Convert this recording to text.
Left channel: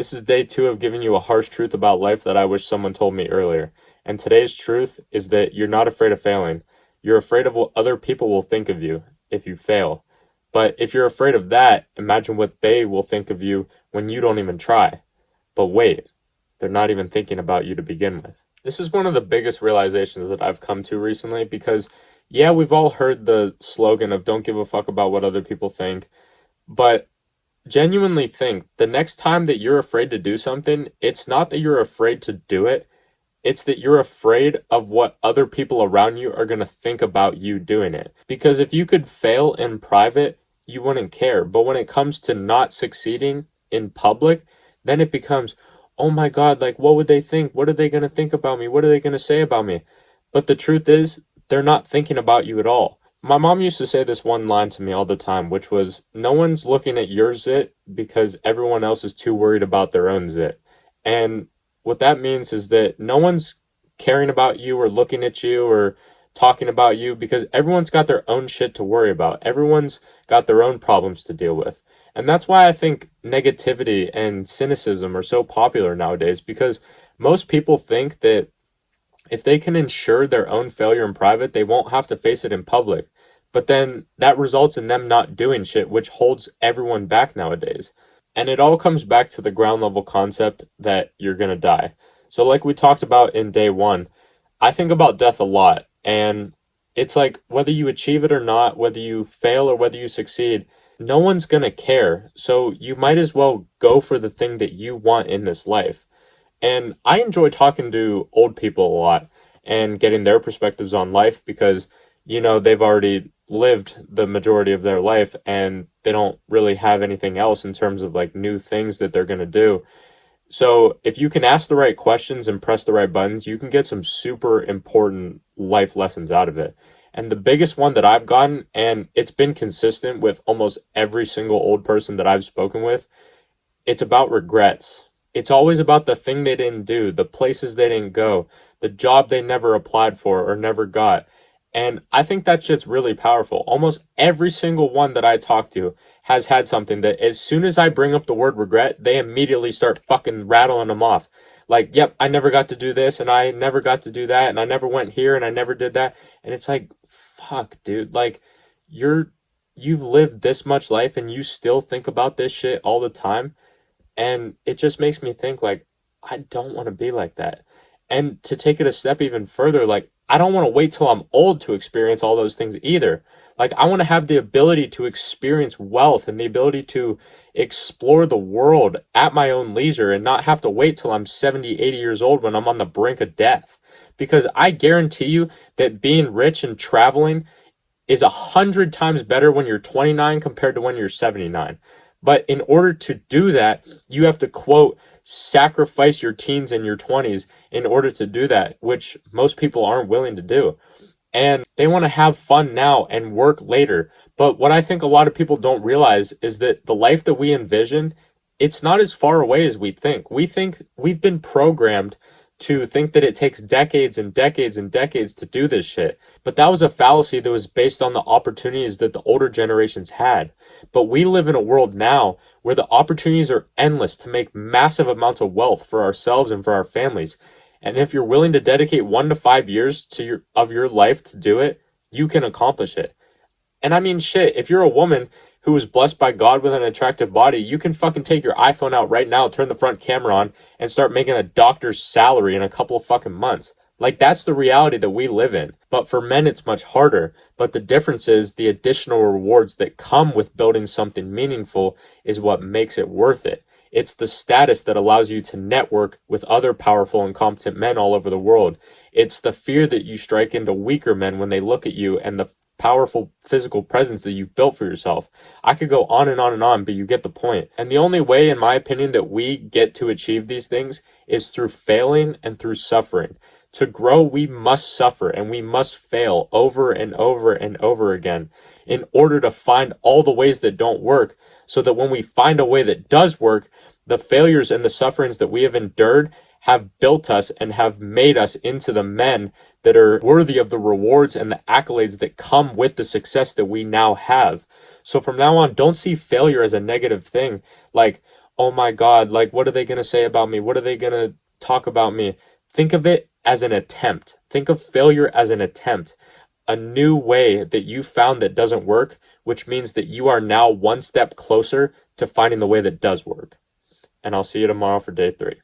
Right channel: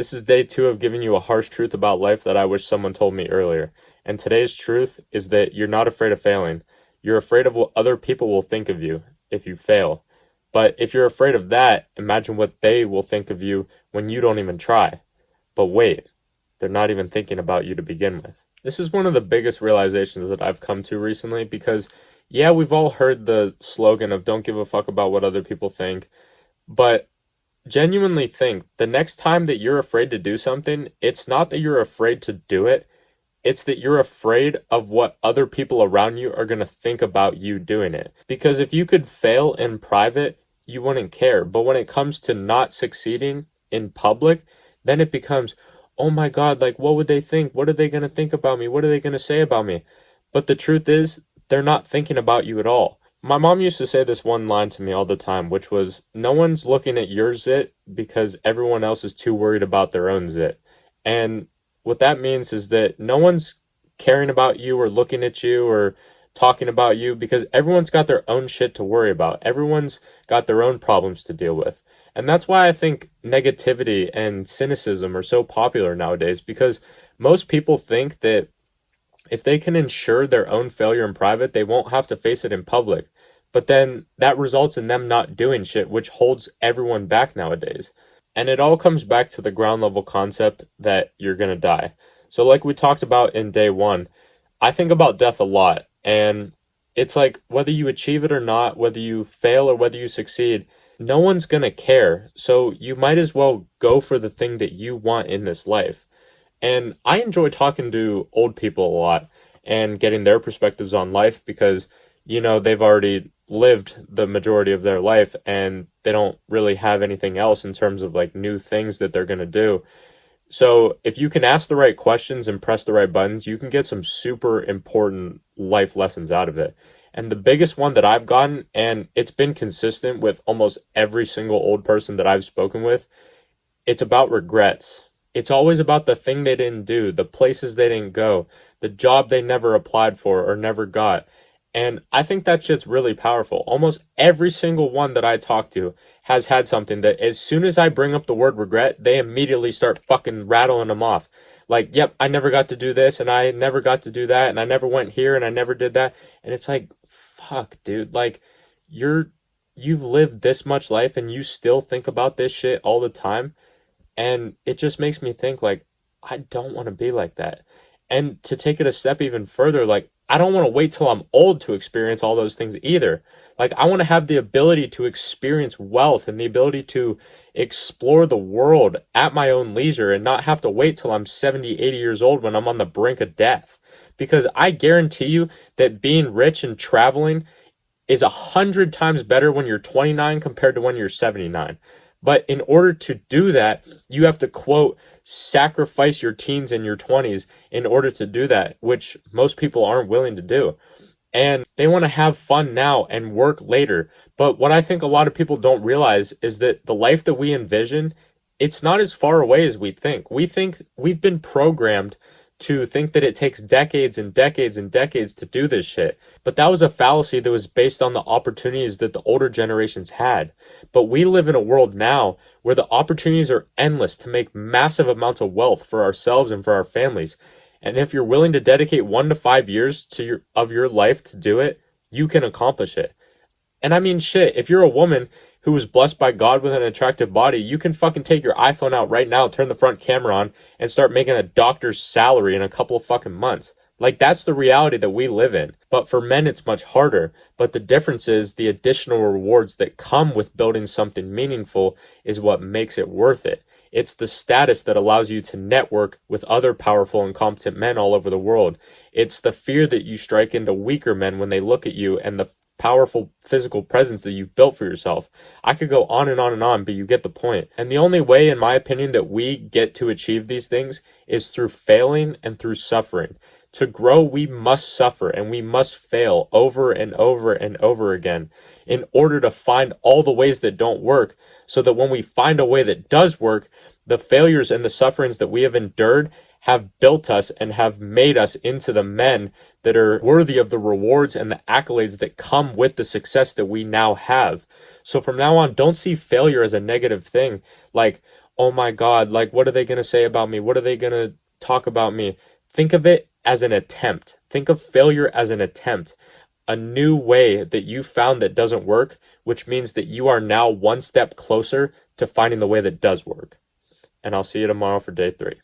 This is day 2 of giving you a harsh truth about life that I wish someone told me earlier. And today's truth is that you're not afraid of failing. You're afraid of what other people will think of you if you fail. But if you're afraid of that, imagine what they will think of you when you don't even try. But wait, they're not even thinking about you to begin with. This is one of the biggest realizations that I've come to recently because, yeah, we've all heard the slogan of don't give a fuck about what other people think, but genuinely think the next time that you're afraid to do something, it's not that you're afraid to do it, it's that you're afraid of what other people around you are going to think about you doing it. Because if you could fail in private, you wouldn't care. But when it comes to not succeeding in public, then it becomes, oh my God, like, what would they think? What are they going to think about me? What are they going to say about me? But the truth is, they're not thinking about you at all. My mom used to say this one line to me all the time, which was, no one's looking at your zit because everyone else is too worried about their own zit. And what that means is that no one's caring about you or looking at you or talking about you because everyone's got their own shit to worry about. Everyone's got their own problems to deal with. And that's why I think negativity and cynicism are so popular nowadays, because most people think that if they can ensure their own failure in private, they won't have to face it in public. But then that results in them not doing shit, which holds everyone back nowadays. And it all comes back to the ground level concept that you're going to die. So, like we talked about in day 1, I think about death a lot. And it's like whether you achieve it or not, whether you fail or whether you succeed, no one's going to care. So, you might as well go for the thing that you want in this life. And I enjoy talking to old people a lot and getting their perspectives on life because, they've already lived the majority of their life and they don't really have anything else in terms of like new things that they're going to do. So if you can ask the right questions and press the right buttons, you can get some super important life lessons out of it. And the biggest one that I've gotten, and it's been consistent with almost every single old person that I've spoken with, it's about regrets. It's always about the thing they didn't do, the places they didn't go, the job they never applied for or never got. And I think that shit's really powerful. Almost every single one that I talk to has had something that as soon as I bring up the word regret, they immediately start fucking rattling them off. Like, yep, I never got to do this and I never got to do that and I never went here and I never did that. And it's like, fuck, dude, like you've lived this much life and you still think about this shit all the time. And it just makes me think like, I don't want to be like that. And to take it a step even further, like, I don't want to wait till I'm old to experience all those things either. Like, I want to have the ability to experience wealth and the ability to explore the world at my own leisure and not have to wait till I'm 70, 80 years old when I'm on the brink of death. Because I guarantee you that being rich and traveling is 100 times better when you're 29 compared to when you're 79. But in order to do that, you have to, quote, sacrifice your teens and your 20s in order to do that, which most people aren't willing to do. And they want to have fun now and work later. But what I think a lot of people don't realize is that the life that we envision, it's not as far away as we think. We think we've been programmed to think that it takes decades and decades and decades to do this shit. But that was a fallacy that was based on the opportunities that the older generations had. But we live in a world now where the opportunities are endless to make massive amounts of wealth for ourselves and for our families. And if you're willing to dedicate 1 to 5 years of your life to do it, you can accomplish it. And I mean, shit, if you're a woman who was blessed by God with an attractive body, you can fucking take your iPhone out right now, turn the front camera on, and start making a doctor's salary in a couple of fucking months. Like, that's the reality that we live in. But for men, it's much harder. But the difference is the additional rewards that come with building something meaningful is what makes it worth it. It's the status that allows you to network with other powerful and competent men all over the world. It's the fear that you strike into weaker men when they look at you and the powerful physical presence that you've built for yourself. I could go on and on and on, but you get the point. And the only way, in my opinion, that we get to achieve these things is through failing and through suffering. To grow, we must suffer and we must fail over and over and over again in order to find all the ways that don't work, so that when we find a way that does work, the failures and the sufferings that we have endured have built us and have made us into the men that are worthy of the rewards and the accolades that come with the success that we now have. So from now on, don't see failure as a negative thing. Like, oh my God, like, what are they going to say about me? What are they going to talk about me? Think of it as an attempt. Think of failure as an attempt, a new way that you found that doesn't work, which means that you are now one step closer to finding the way that does work. And I'll see you tomorrow for day 3.